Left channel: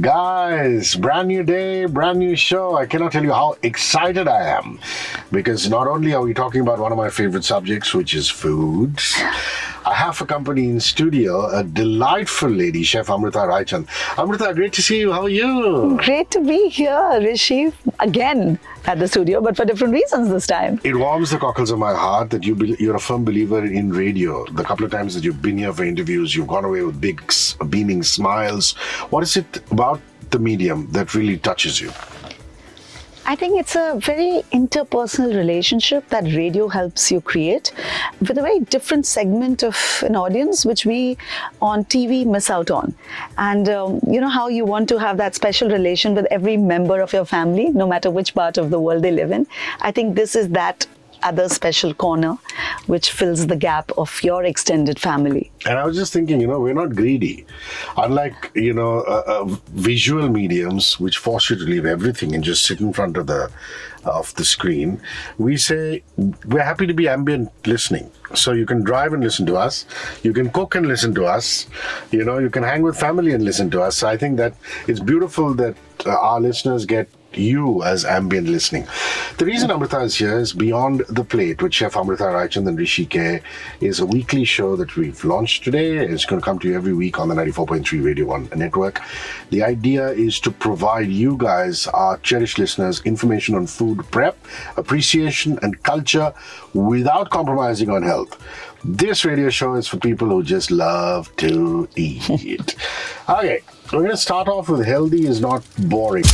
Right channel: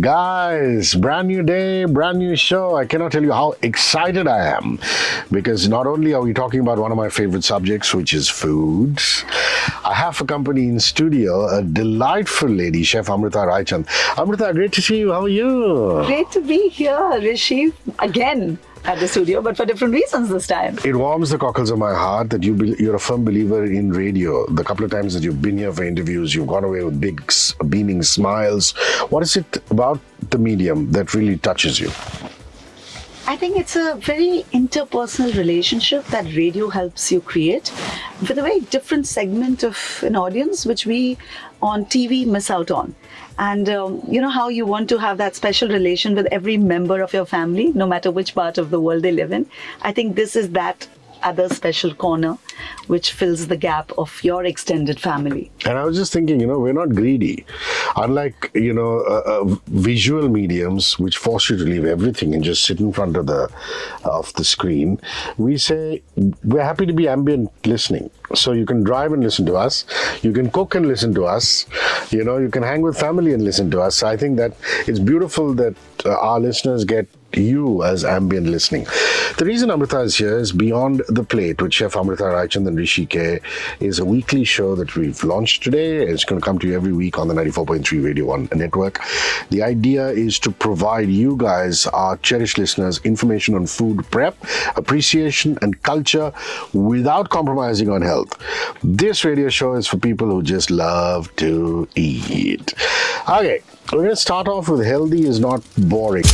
Guys, brand new day, brand new show. I cannot tell you how excited I am because not only are we talking about one of my favorite subjects, which is food, I have a company in studio, a delightful lady, Chef Amrita Raichand. Amrita, great to see you. How are you? Great to be here, Hrishi, again at the studio, but for different reasons this time. It warms the cockles of my heart that you're a firm believer in radio. The couple of times that you've been here for interviews, you've gone away with big, beaming smiles. What is it about the medium that really touches you? I think it's a very interpersonal relationship that radio helps you create with a very different segment of an audience, which we on TV miss out on. And you know how you want to have that special relation with every member of your family, no matter which part of the world they live in. I think this is that other special corner which fills the gap of your extended family. And I was just thinking, we're not greedy. Unlike, visual mediums which force you to leave everything and just sit in front of the screen, we say we're happy to be ambient listening. So you can drive and listen to us. You can cook and listen to us. You can hang with family and listen to us. So I think that it's beautiful that our listeners get you as ambient listening. The reason Amrita is here is Beyond the Plate with Chef Amrita Raichand and Hrishi K is a weekly show that we've launched today. It's going to come to you every week on the 94.3 Radio 1 network. The idea is to provide you guys, our cherished listeners, information on food prep, appreciation and culture without compromising on health. This radio show is for people who just love to eat. Okay, we're going to start off with healthy is not boring.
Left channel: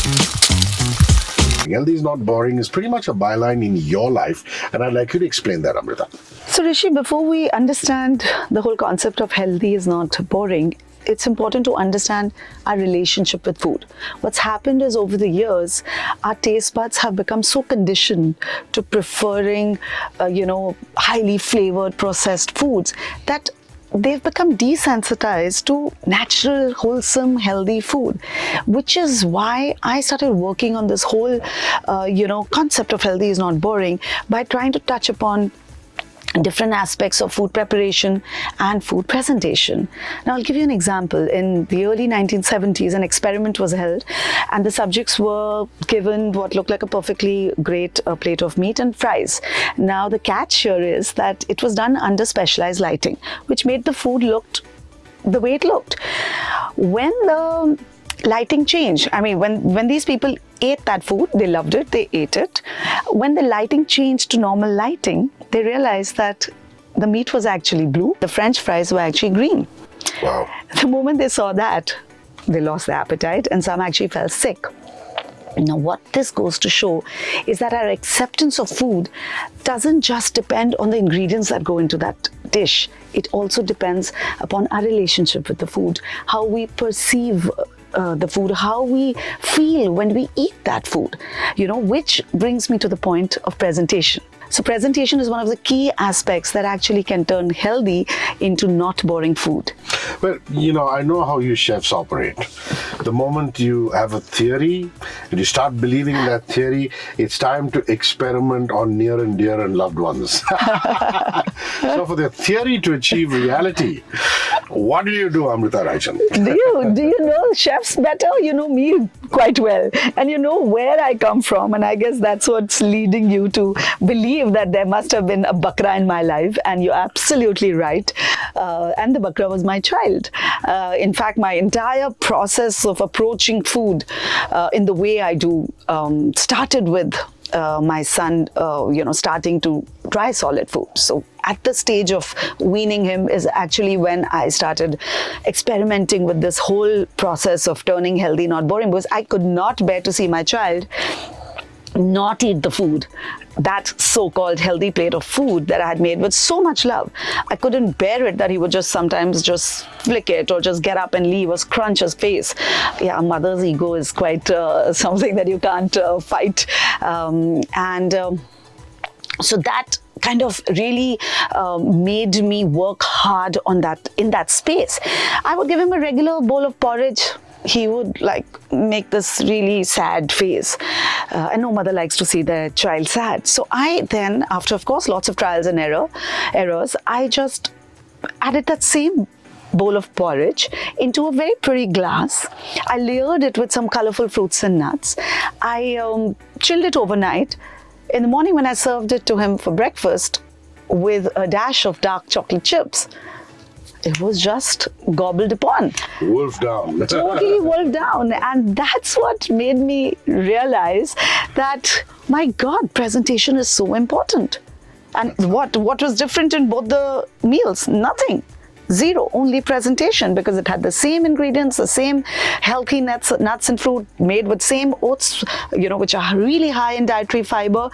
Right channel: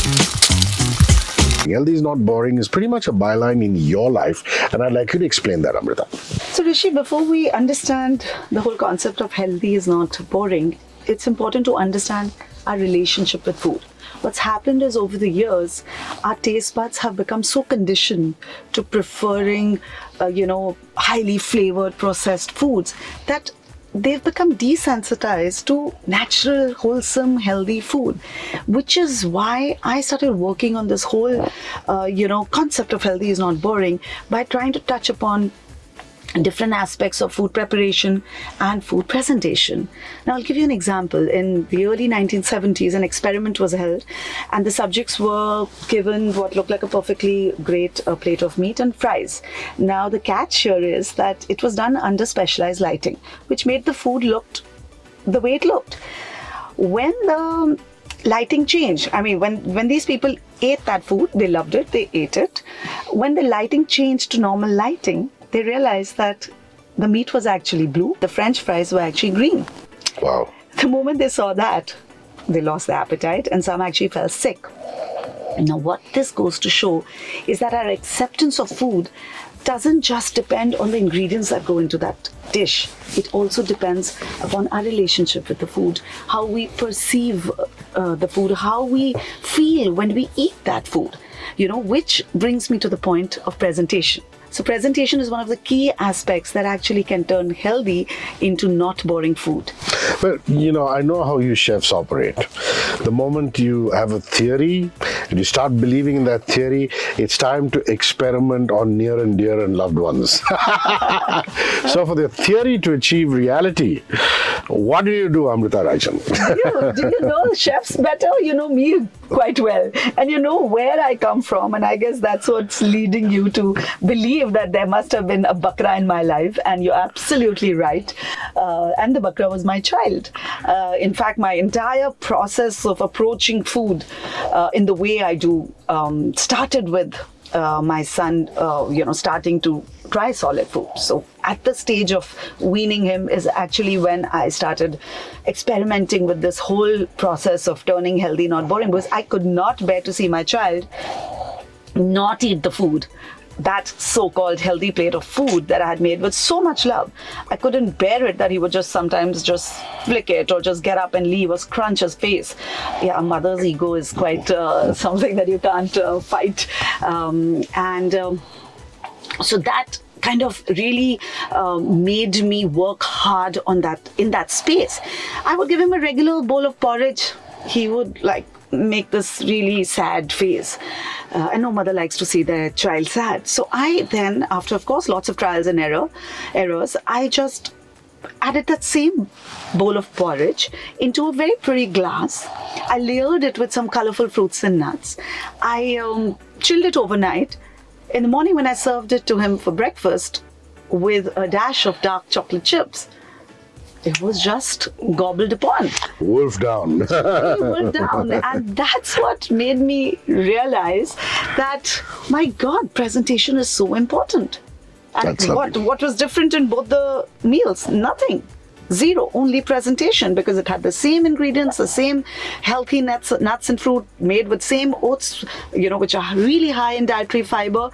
Healthy is not boring is pretty much a byline in your life, and I'd like you to explain that, Amrita. So Hrishi, before we understand the whole concept of healthy is not boring, it's important to understand our relationship with food. What's happened is over the years, our taste buds have become so conditioned to preferring, highly flavored processed foods that they've become desensitized to natural, wholesome, healthy food, which is why I started working on this whole, concept of healthy is not boring by trying to touch upon different aspects of food preparation and food presentation. Now, I'll give you an example. In the early 1970s, an experiment was held and the subjects were given what looked like a perfectly great plate of meat and fries. Now, the catch here is that it was done under specialized lighting, which made the food look the way it looked. When the lighting changed, when these people ate that food, they loved it, they ate it. When the lighting changed to normal lighting, they realized that the meat was actually blue, the French fries were actually green. Wow. The moment they saw that, they lost their appetite and some actually fell sick. Now, what this goes to show is that our acceptance of food doesn't just depend on the ingredients that go into that dish. It also depends upon our relationship with the food, how we perceive the food, how we feel when we eat that food, which brings me to the point of presentation. So presentation is one of the key aspects that actually can turn healthy into not boring food. Well, I know how you chefs operate. The moment you have a theory and you start believing in that theory, it's time to experiment on near and dear and loved ones. So for the theory to achieve reality, what do you do, Amrita Raichand? Do you know chefs better? You know me quite well. And you know where I come from. And I guess that's what's leading you to believe that there must have been a bakra in my life, and you're absolutely right. And the bakra was my child. In fact, my entire process of approaching food in the way I do started with my son, starting to try solid food. So at the stage of weaning him is actually when I started experimenting with this whole process of turning healthy, not boring, because I could not bear to see my child not eat the food. That so-called healthy plate of food that I had made with so much love. I couldn't bear it that he would sometimes just flick it or just get up and leave or scrunch his face. Yeah, a mother's ego is quite something that you can't fight. So that kind of really made me work hard on that, in that space. I would give him a regular bowl of porridge. He would make this really sad face, and no mother likes to see their child sad. So I then, after of course lots of trials and errors, I just added that same bowl of porridge into a very pretty glass. I layered it with some colorful fruits and nuts. I chilled it overnight. In the morning, when I served it to him for breakfast with a dash of dark chocolate chips, it was just gobbled upon. Wolf down. Totally wolfed down. And that's what made me realize that, my God, presentation is so important. And what was different in both the meals? Nothing. Zero, only presentation, because it had the same ingredients, the same healthy nuts and fruit made with same oats, which are really high in dietary fiber.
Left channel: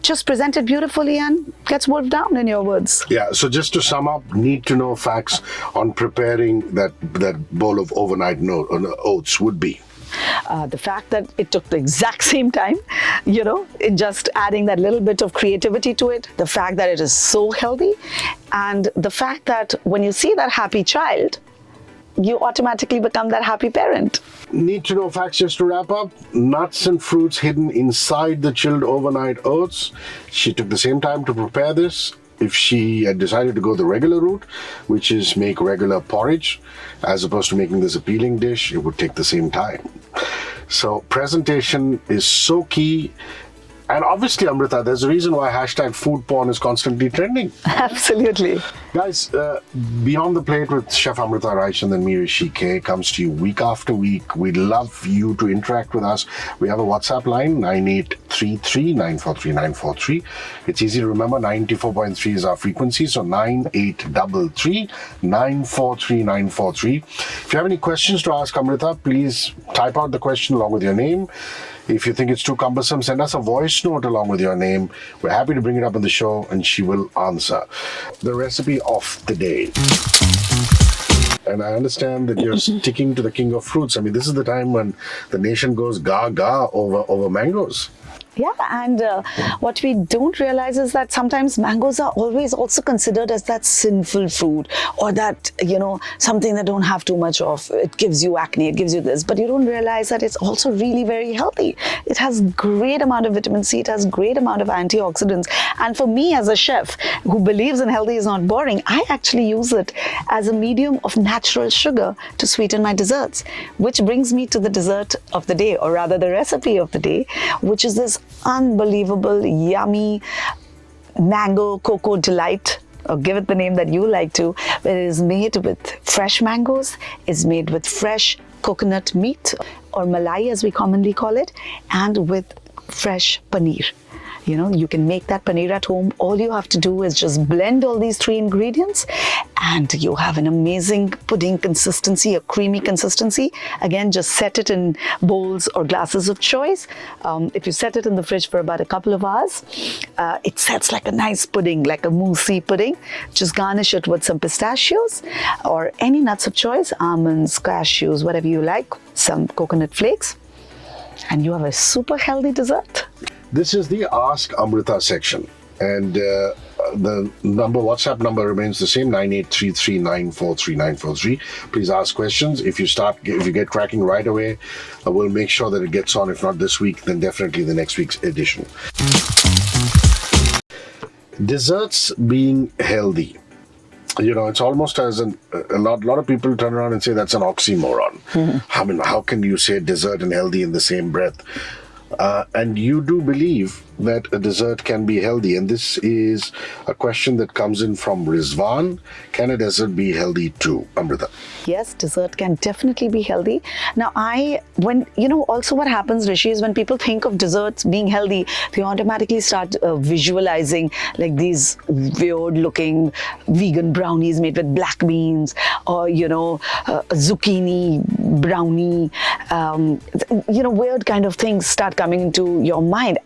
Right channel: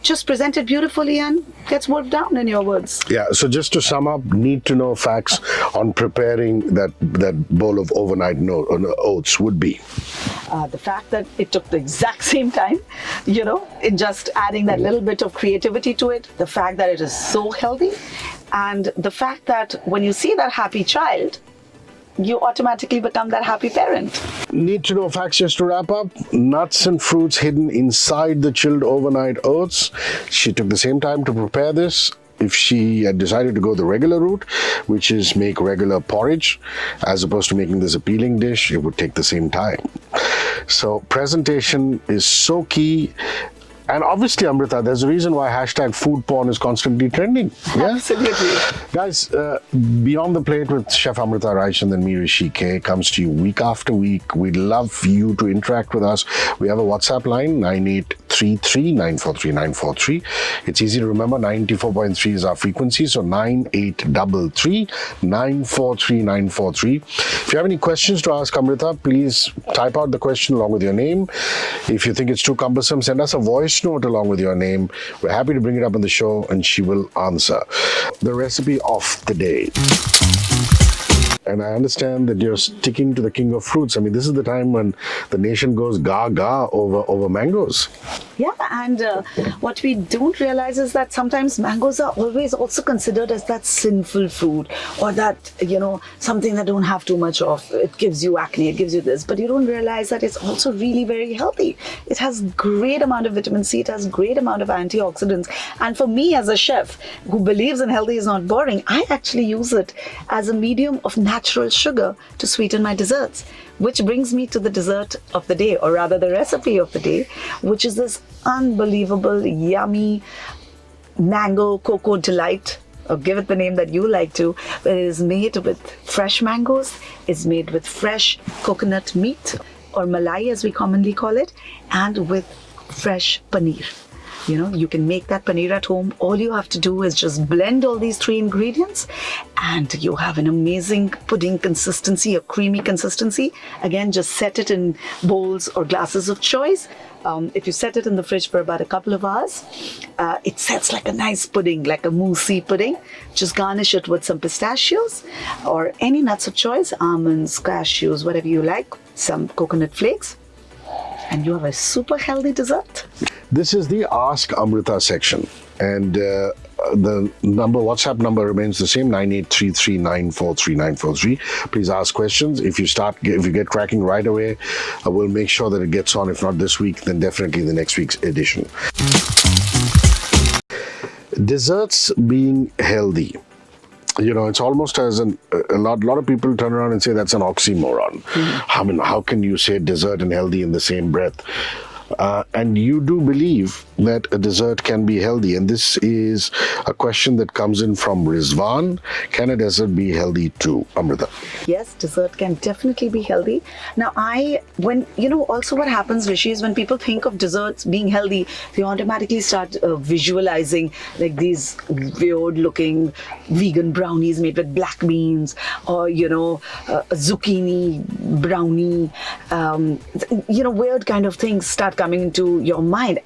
Just presented beautifully and gets wolfed down, in your words. Yeah, so just to sum up, need to know facts on preparing that bowl of overnight oats would be. The fact that it took the exact same time, in just adding that little bit of creativity to it, the fact that it is so healthy, and the fact that when you see that happy child, you automatically become that happy parent. Need to know facts just to wrap up. Nuts and fruits hidden inside the chilled overnight oats. She took the same time to prepare this. If she had decided to go the regular route, which is make regular porridge, as opposed to making this appealing dish, it would take the same time. So presentation is so key. And obviously, Amrita, there's a reason why hashtag food porn is constantly trending. Yeah? Absolutely. Guys, Beyond the Plate with Chef Amrita, Raichand and me, Hrishi K, comes to you week after week. We'd love you to interact with us. We have a WhatsApp line, 9833-943-943. It's easy to remember, 94.3 is our frequency, so 9833-943-943. If you have any questions to ask Amrita, please type out the question along with your name. If you think it's too cumbersome, send us a voice note along with your name. We're happy to bring it up on the show and she will answer. The recipe of the day. And I understand that you're sticking to the king of fruits. I mean, this is the time when the nation goes gaga over mangoes. Yeah, and what we don't realize is that sometimes mangoes are always also considered as that sinful fruit, or that, something that don't have too much of. It gives you acne, it gives you this, but you don't realize that it's also really very healthy. It has great amount of vitamin C, it has great amount of antioxidants. And for me as a chef who believes in healthy is not boring, I actually use it as a medium of natural sugar to sweeten my desserts, which brings me to the dessert of the day, or rather the recipe of the day, which is this unbelievable, yummy mango cocoa delight, or give it the name that you like to, but it is made with fresh mangoes, it's made with fresh coconut meat, or malai as we commonly call it, and with fresh paneer. You can make that paneer at home. All you have to do is just blend all these three ingredients and you have an amazing pudding consistency, a creamy consistency. Again, just set it in bowls or glasses of choice. If you set it in the fridge for about a couple of hours, it sets like a nice pudding, like a moussey pudding. Just garnish it with some pistachios or any nuts of choice, almonds, cashews, whatever you like, some coconut flakes, and you have a super healthy dessert. This is the Ask Amrita section, and the WhatsApp number remains the same, 9833-943-943. Please ask questions. If you get cracking right away, we'll make sure that it gets on. If not this week, then definitely the next week's edition. Desserts being healthy. It's almost as a lot of people turn around and say that's an oxymoron. I mean, how can you say dessert and healthy in the same breath? And you do believe that a dessert can be healthy, and this is a question that comes in from Rizwan. Can a dessert be healthy too, Amrita? Yes, dessert can definitely be healthy. Now, also what happens, Hrishi, is when people think of desserts being healthy, they automatically start visualizing like these weird looking vegan brownies made with black beans, or, zucchini brownie, weird kind of things start coming into your mind.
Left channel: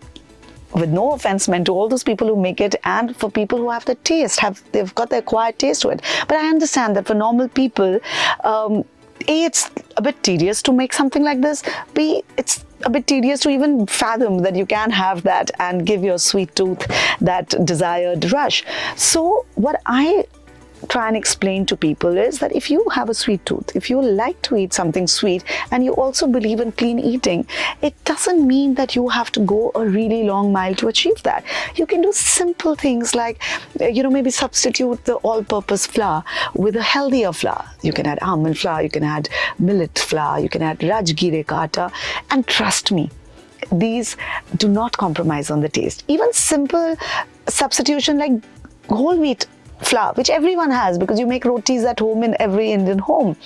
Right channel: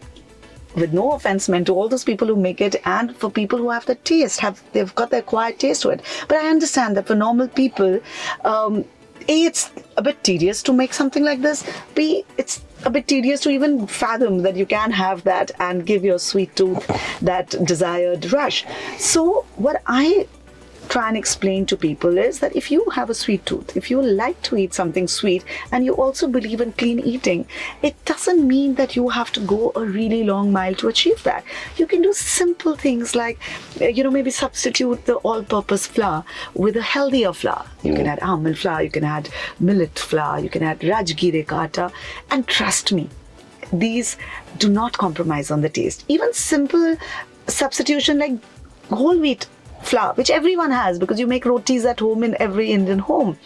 With no offense meant to all those people who make it, and for people who have the taste, they've got the acquired taste to it. But I understand that for normal people, A, it's a bit tedious to make something like this. B, it's a bit tedious to even fathom that you can have that and give your sweet tooth that desired rush. So what I try and explain to people is that if you have a sweet tooth, if you like to eat something sweet, and you also believe in clean eating, it doesn't mean that you have to go a really long mile to achieve that. You can do simple things like, maybe substitute the all-purpose flour with a healthier flour. You can add almond flour, you can add millet flour, you can add rajgire ka atta, and trust me, these do not compromise on the taste. Even simple substitution like whole wheat flour, which everyone has because you make rotis at home in every Indian home.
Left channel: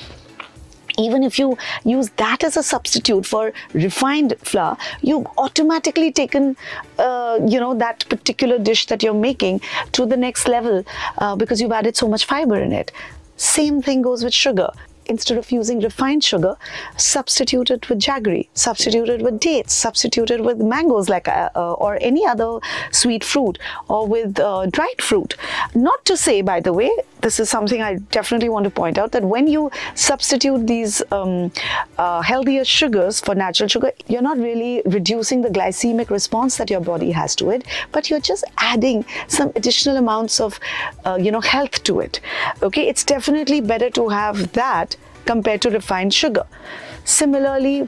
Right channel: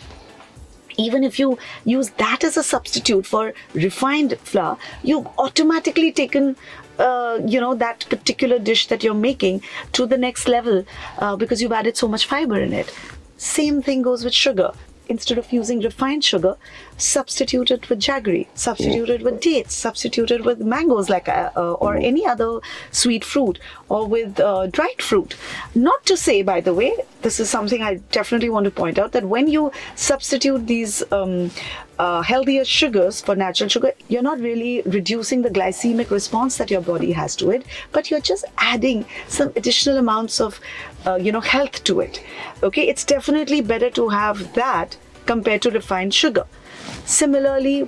Even if you use that as a substitute for refined flour, you've automatically taken, that particular dish that you're making to the next level because you've added so much fiber in it. Same thing goes with sugar. Instead of using refined sugar, substitute it with jaggery, substitute it with dates, substitute it with mangoes or any other sweet fruit, or with dried fruit. Not to say, by the way, this is something I definitely want to point out, that when you substitute these healthier sugars for natural sugar, you're not really reducing the glycemic response that your body has to it, but you're just adding some additional amounts of health to it. Okay, it's definitely better to have that compared to refined sugar. Similarly,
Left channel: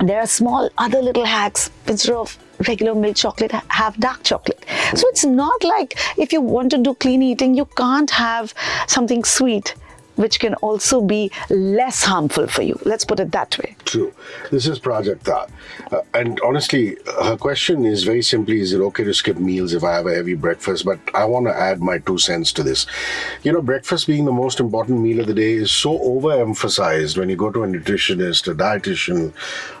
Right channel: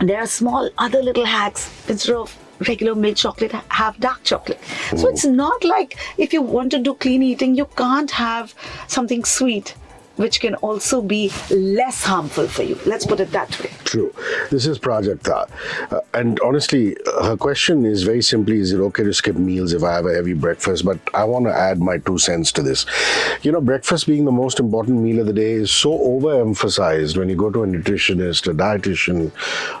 there are small other little hacks. Instead of regular milk chocolate, have dark chocolate. So it's not like if you want to do clean eating, you can't have something sweet which can also be less harmful for you. Let's put it that way. True. This is Prajakta. And honestly, her question is very simply, is it okay to skip meals if I have a heavy breakfast? But I want to add my 2 cents to this. Breakfast being the most important meal of the day is so overemphasized when you go to a nutritionist, a dietitian,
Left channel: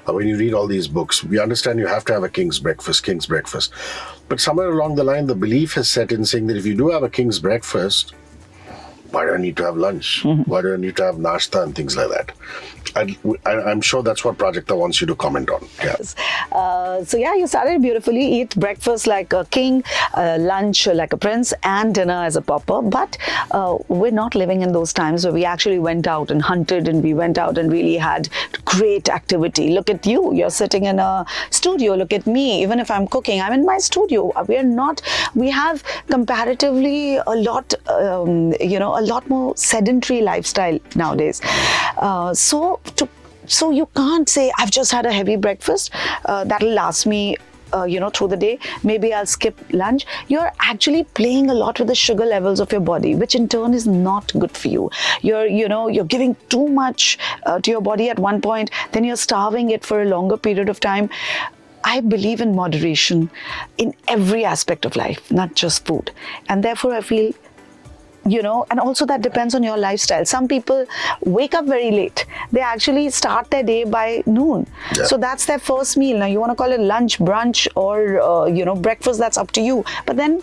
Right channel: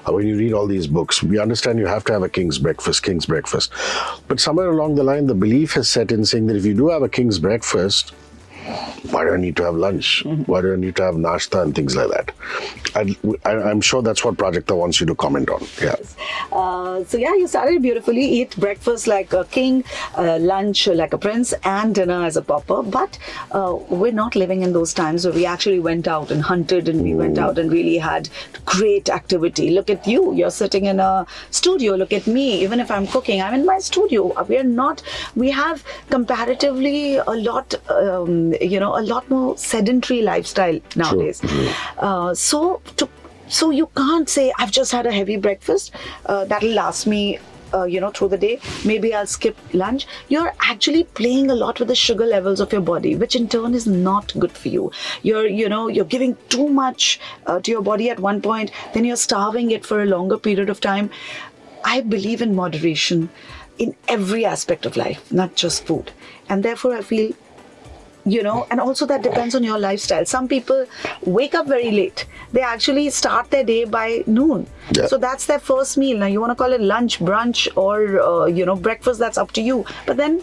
when you read all these books. We understand you have to have a king's breakfast. But somewhere along the line, the belief has set in saying that if you do have a king's breakfast, why do I need to have lunch? Why do I need to have nashta and things like that? I'm sure that's what Prajakta wants you to comment on. Yeah. You started beautifully. Eat breakfast like a king, lunch like a prince, and dinner as a pauper. But we're not living in those times where we actually went out and hunted, and we went out and really had great activity. Look at you. You're sitting in a studio. Look at me. Even if I'm cooking, I'm in my studio. We have comparatively a lot more sedentary lifestyle nowadays. So you can't say, I've just had a heavy breakfast, that'll last me through the day. Maybe I'll skip lunch. You're actually playing a lot with the sugar levels of your body, which in turn is not good for you. You're giving too much to your body at one point, then you're starving it for a longer period of time. I believe in moderation in every aspect of life, not just food. And therefore I feel, and also that depends on your lifestyle. Some people wake up very late. They actually start their day by noon. Yeah. So that's their first meal. Now you want to call it lunch, brunch, or, breakfast, that's up to you. But then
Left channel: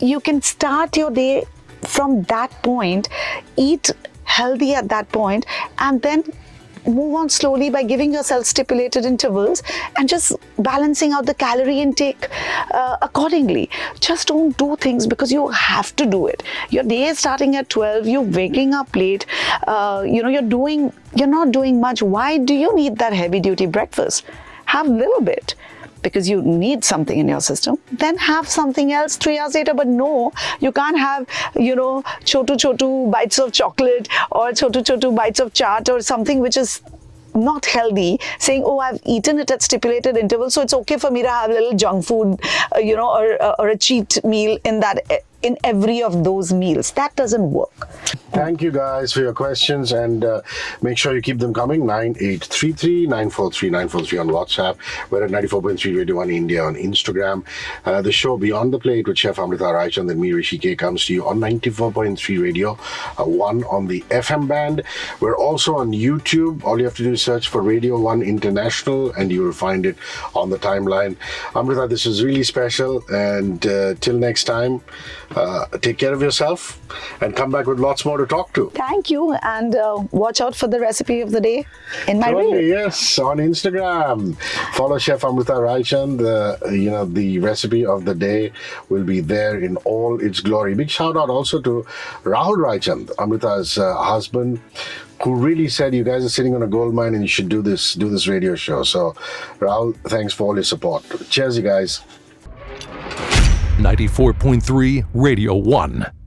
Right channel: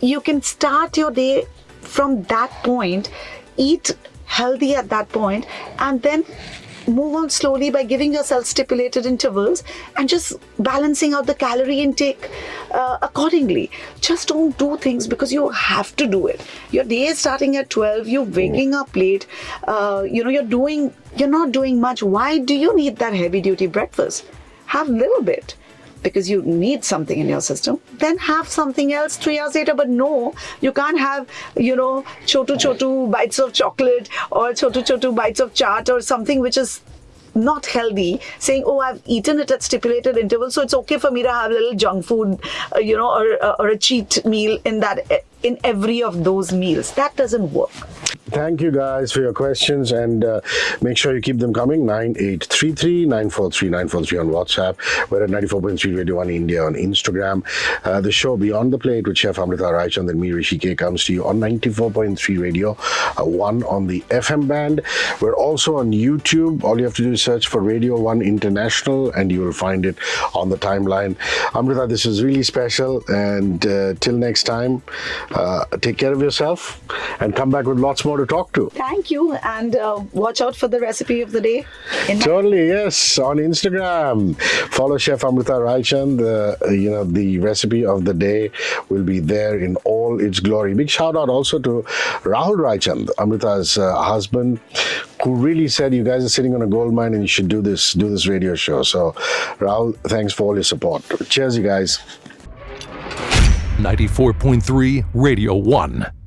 you can start your day from that point, eat healthy at that point, and then move on slowly by giving yourself stipulated intervals and just balancing out the calorie intake accordingly. Just don't do things because you have to do it. Your day is starting at 12, you're waking up late, you're not doing much. Why do you need that heavy duty breakfast? Have a little bit, because you need something in your system. Then have something else 3 hours later. But no, you can't have, chotu bites of chocolate or chotu bites of chaat or something which is not healthy, saying, oh, I've eaten it at stipulated intervals, so it's okay for me to have a little junk food, or a cheat meal in every of those meals. That doesn't work. Thank you guys for your questions, and make sure you keep them coming. 9833 943 943 on WhatsApp. We're at 94.3 Radio 1 India on Instagram. The show Beyond the Plate with Chef Amrita, Raichand and me, Hrishi K, comes to you on 94.3 Radio 1 on the FM band. We're also on YouTube. All you have to do is search for Radio 1 International and you will find it on the timeline. Amrita, this is really special, and till next time, take care of yourself and come back with lots more to talk to. Thank you, and watch out for the recipe of the day in my Totally, yes, on Instagram. Follow Chef Amrita Raichand. The recipe of the day will be there in all its glory. Big shout out also to Rahul Raichand, Amrita's husband, who really said, you guys are sitting on a gold mine and you should do this radio show. So Rahul, thanks for all your support. Cheers, you guys. 94.3 Radio 1.